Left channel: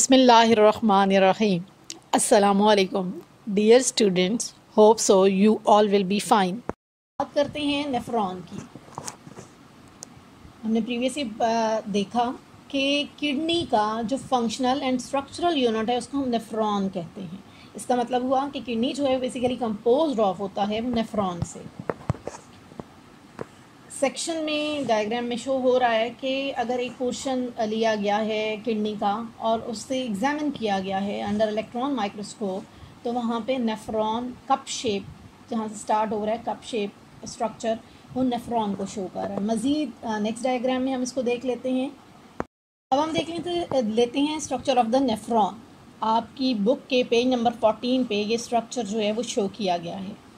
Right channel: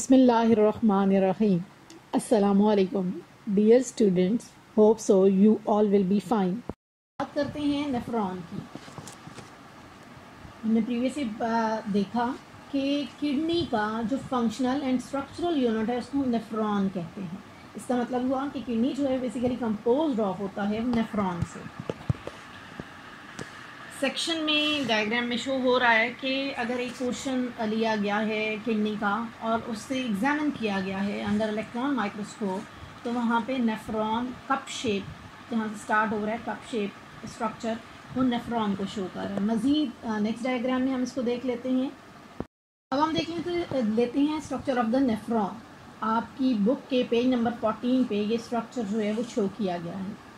Bismillahirrahmanirrahim. Assalamu alaikum. Dear students, hope so you all will be fine. बात करते हैं nephron की। हमने प्रीवियसली देखा कि किडनी का जो फंक्शनल एंड स्ट्रक्चरल यूनिट है उसको हम नेफ्रॉन कहते हैं। इसका मतलब हुआ कि किडनी जो है बेसिकली कंपोज्ड ऑफ होता है नेफ्रॉन से। सेक्शन में डायग्राम में शो हो रहा है कि अगर एक पोर्शन लिया गया है किडनी का और उससे एग्जामिन किया गया है अंडर इलेक्ट्रॉन माइक्रोस्कोप, तो वहाँ पे नेफ्रॉन कप शेप, जहाँ से स्टार्ट हो रहा है कप शेप स्ट्रक्चर, वो नेफ्रॉन को शो कर रहा है। मज़ीद नेक्स्ट डायग्राम में हम इसको देख लेते हैं। अब हम देख लेते हैं स्ट्रक्चर ऑफ द नेफ्रॉन। आपकी बुक के पेज नंबर 14 पे ये स्ट्रक्चर जो है वो शो किया गया है।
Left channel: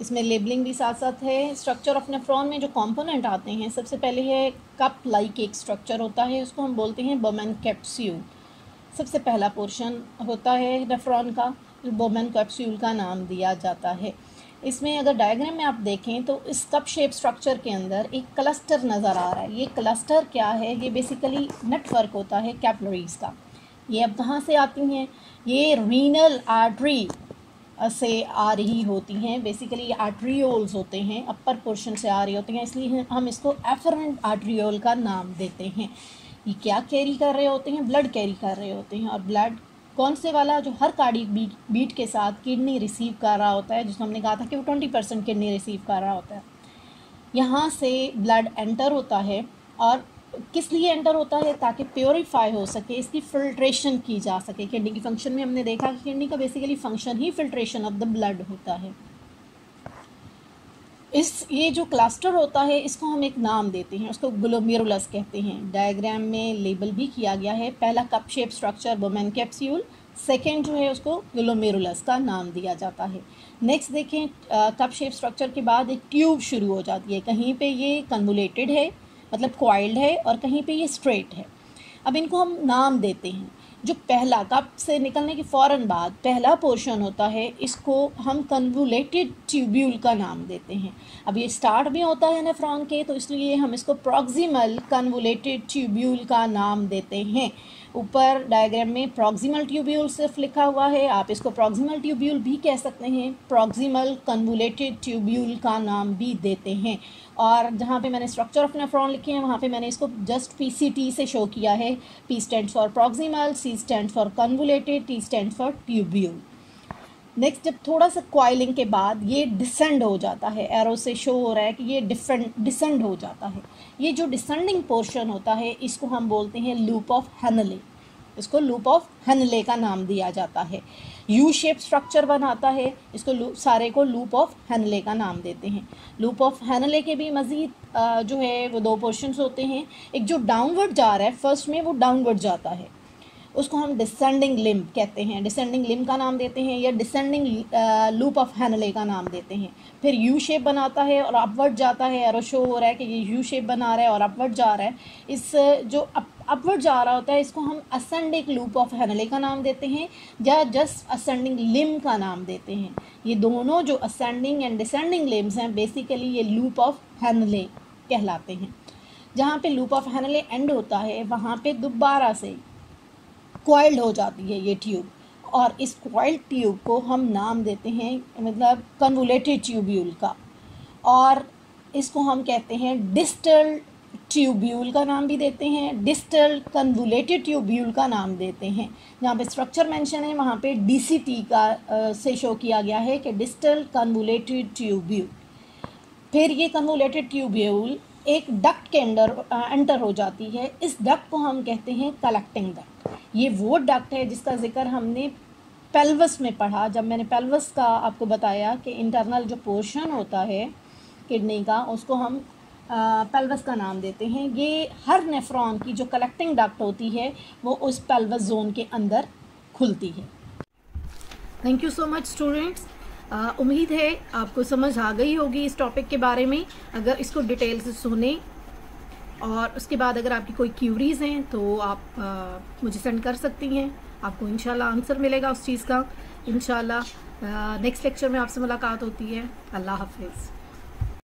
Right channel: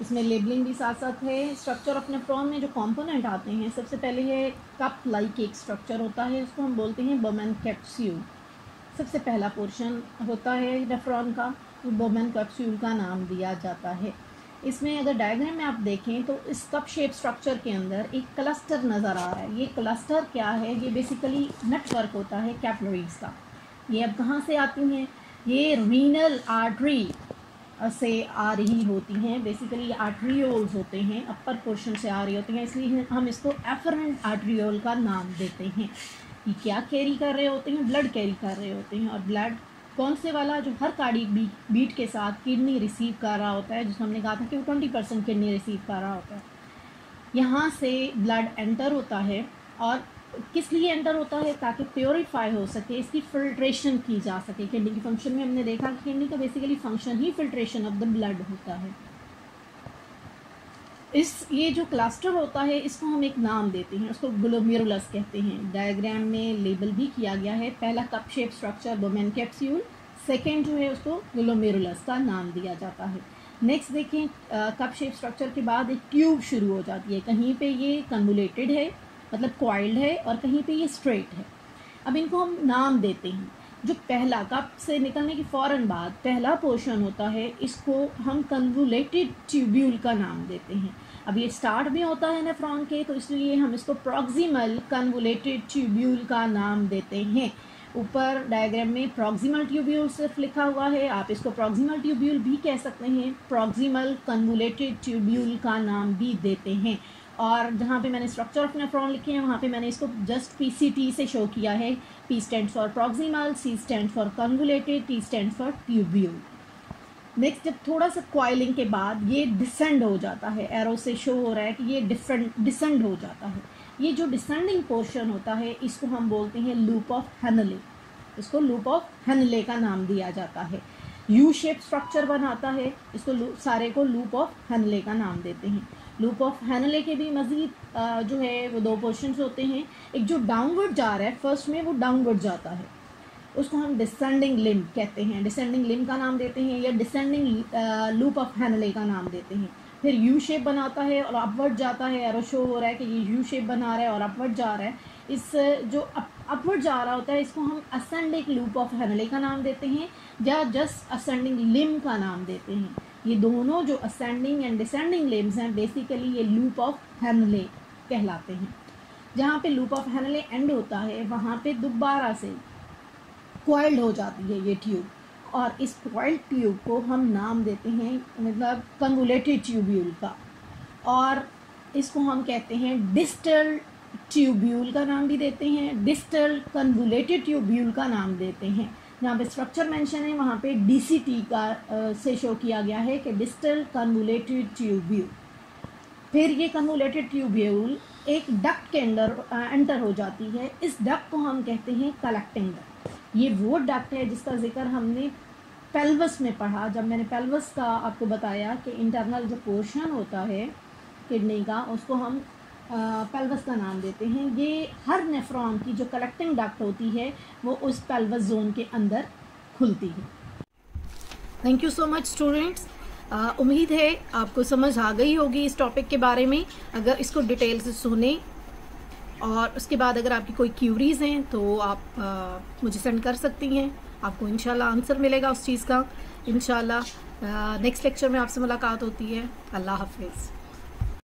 इसमें लेबलिंग भी साथ साथ है। स्ट्रक्चर ऑफ नेफ्रॉन में जो कंपोनेंट आते हैं, सबसे पहले है कप लाइक एक स्ट्रक्चर होता है, उसको हम बोलते हैं बोमेन कैप्सूल। सबसे पहला पोर्शन होता है नेफ्रॉन का, बोमेन कैप्सूल का नाम दिया जाता है। इसमें अगर डायग्राम में आप देखें तो इस कप शेप स्ट्रक्चर के अंदर एक क्लस्टर नज़र आ रहा है। ये क्लस्टर क्या है? ये बेसिकली नेटवर्क होता है कैपिलरीज का। ये अब कहाँ से आती हैं? ये रीनल आर्टरी से आ रही होती हैं। बेसिकली आर्ट्रियोल्स होते हैं, अपर पोर्शन से आ रही होती हैं, इसलिए हम इसको एफरेंट आर्ट्रियोल का नाम देते हैं। ये क्या कैरी कर रहे होते हैं? ब्लड कैरी कर रहे होते हैं। और ब्लड कौन से वाला? जो हर कार्डियक बीट के साथ किडनी रिसीव कर रहा होता है, जिसको हमने कहा था कि वो 20% किडनी रिसीव कर रहा होता है। यहाँ से ब्लड एंटर होता है, और किस लिए एंटर होता है? ताकि प्योरीफाई हो सके, इसकी फिल्ट्रेशन की जा सके। किडनी की फंक्शन में हमने देखा कि किडनी का basically function he filtration of the blood होता है। ये जो क्लस्टर होता है इसको हम एक नाम देते हैं, उसको ग्लोमेरुलस कहते हैं। डायग्राम में लेबल भी किया गया है। पहला cup shape structure Bowman capsule, second जो है उसको ग्लोमेरुलस का नाम दिया जाता है। नेक्स्ट देखें, कप शेप स्ट्रक्चर के बाद एक ट्यूब शुरू हो जाती है। कहीं पे ये कन्वोलेटेड है, मतलब क्वाइल्ड है, और कहीं पे ये स्ट्रेट है। अब इनको हम नाम देते हैं। जो पहला कप से निकलने के फ़ौरन बाद पहला पोर्शन होता है, इसको हम कन्वोलेटेड ट्यूब्यूल का नाम देते हैं। अब ये स्टार्ट में होता है नेफ्रॉन के, तो इसलिए हम इसको प्रॉक्सिमल कन्वोलेटेड ट्यूब्यूल का नाम देते हैं। ऊपर डायग्राम में प्रॉक्सिमल ट्यूब्यूल सिर्फ लिखा हुआ है, आप इसको प्रॉक्सिमल ट्यूब्यूल भी कह सकते हैं, प्रॉक्सिमल कन्वोलेटेड ट्यूब्यूल का नाम भी देते हैं। और जहाँ पे मैंने स्ट्रक्चर ऑफ नेफ्रॉन लिखे हैं वहाँ पे मैंने इसको जस्ट PCT से शो किया है। P stand for proximal, C stand for convoluted, T stand for tubule. Next, जब थोड़ा सा क्वाइलिंग के बाद ये डिसेंड हो जाता है, एरो से शो हो रहा है कि ये डिसेंड हो जाता है। ये जो डिसेंडिंग पोर्शन होता है इसको हम बोलते हैं लूप ऑफ हेनले। इसको लूप ऑफ हेनले का नाम दिया जाता है। यू शेप स्ट्रक्चर बनाता है, इसको सारे को लूप ऑफ हेनले का नाम देते हैं। लूप ऑफ हेनले के भी मज़ीद जो है वो दो पोर्शंस होते हैं। एक जो डाउनवर्ड जा रहा है, फर्स्ट में वो डाउनवर्ड जाता है, उसको हम डिसेंडिंग लिम्ब कहते हैं, डिसेंडिंग लिम्ब का नाम देते हैं, या डिसेंडिंग लूप ऑफ हेनले का नाम देते हैं। फिर यू शेप बनाता है और अपवर्ड जाता है। एरो शो हो रहा है कि ये यू शेप बना रहा है और अपवर्ड जा रहा है। इस जो अपवर्ड जा रहा होता है इसको हम असेंडिंग लूप ऑफ हेनले का नाम देते हैं, या जस्ट असेंडिंग लिम्ब का नाम देते हैं। ये दोनों जो असेंडिंग एंड डिसेंडिंग लिम्ब्स हैं, बेसिकली ये लूप ऑफ हेनले कहलाते हैं। जहाँ पे लूप ऑफ हेनले एंड होता है वहाँ पे दोबारा से क्वाइल्ड हो जाती है ये ट्यूब, और इस क्वाइल्ड ट्यूब को हम नाम देते हैं मतलब कन्वोलेटेड ट्यूब्यूल का, और इसको हम कहते हैं डिस्टल ट्यूब्यूल का नाम भी देते हैं, डिस्टल कन्वोलेटेड ट्यूब्यूल का नाम देते हैं। जहाँ पे स्ट्रक्चर मेंशन है वहाँ पे DCT का से शो किया गया है कि डिस्टल कन्वोलेटेड ट्यूब्यूल। फिर ये कन्वोलेटेड ट्यूब्यूल एक डक्ट के अंदर एंटर हो जाती है। इस डक्ट को हम कहते हैं कलेक्टिंग डक्ट। ये वो डक्ट है जिसका जिक्र हमने पेल्वस में पढ़ा, जब मैंने पेल्वस का आपको बताया कि इंटरनल जो पोर्शन होता है किडनी का उसको हम पेल्वस का नाम देते हैं। ये हर नेफ्रॉन की जो कलेक्टिंग डक्ट होती है वो उस पेल्वस जोन के अंदर खुलती है। Thank you so much students. उम्मीद है आपको समझ आ गई होगी इस टॉपिक के बारे में। अगर इसको डिटेल से सुने और उसके बाद अगर आपकी कोई क्यूरीज हैं तो आप मुझे सेंड कर सकती हैं। आपको इंशाल्लाह आंसर मिलेगा उस चीज़ का। इंशाल्लाह नेक्स्ट लेक्चर में आपसे मुलाकात होती है। अल्लाह हाफिज़।